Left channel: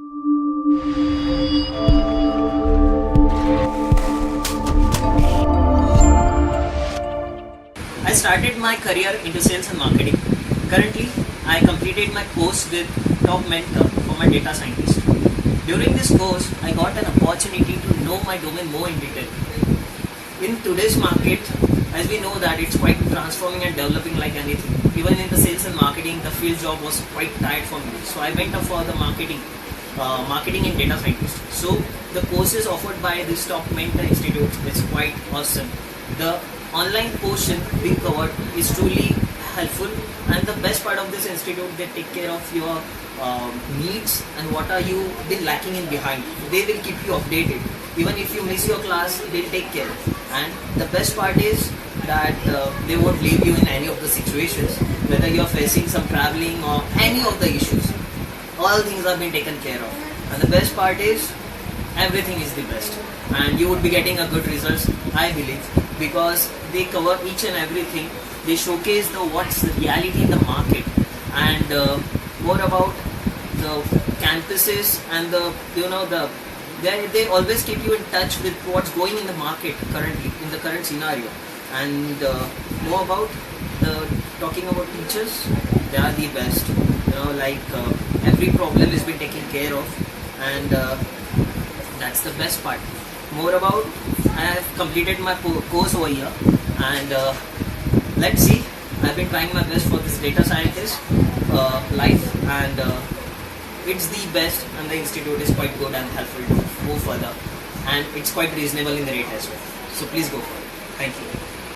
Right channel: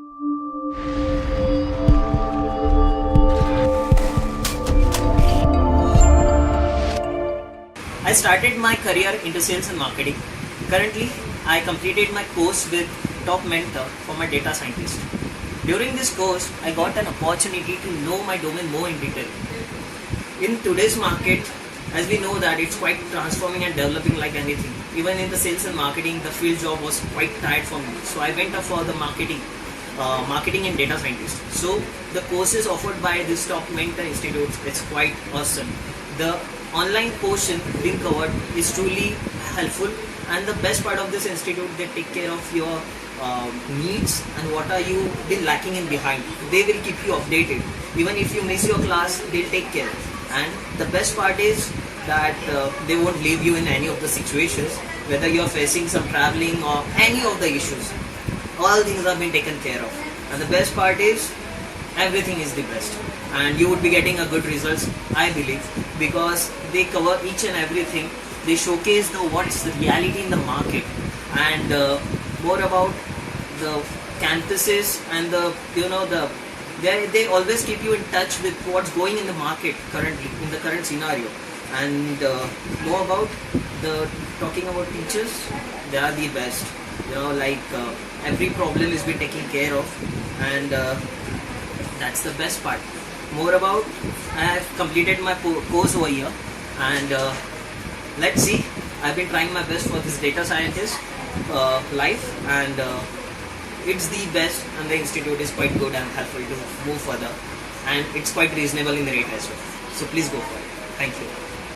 I started my career into sales and marketing. Currently, I completed my course with top mentor for my data scientist. During this course, I got an opportunity to know my domain more in detail. In today's market, as we know that it's quite transforming and developing like anything. Even in the sales and marketing, the field job was quite tired for me. So I went up for the marketing and data scientist. So the courses offered by this top mentor institute, it's quite awesome. The online portion being covered is truly helpful, and the best part of this institute, they take care of your needs and what are you been lacking in behind. They will keep you updated. Even if you miss your class, they'll take care. And the best part is that they won't leave you in any of the situations, whether you're facing some traveling or any of the issues. All things are being taken care of. And the best part is everything is the best, and you would be getting a good results, I believe, because they cover each and everything. They showcase what's the reality in the market, and more about the campuses and they always keep you in touch with what's going in the market currently in the current scenario. And more about talking about teachers, they are the best. Every problem is being taken care of, and that's the best part. More about, I have completed my course over here, and let's see. I've been trying my best for this data scientist life, and it's the best, and the institute is quite good and helpful to move further, and it's quite reasonable in the rate as well. So please go for it. Thank you.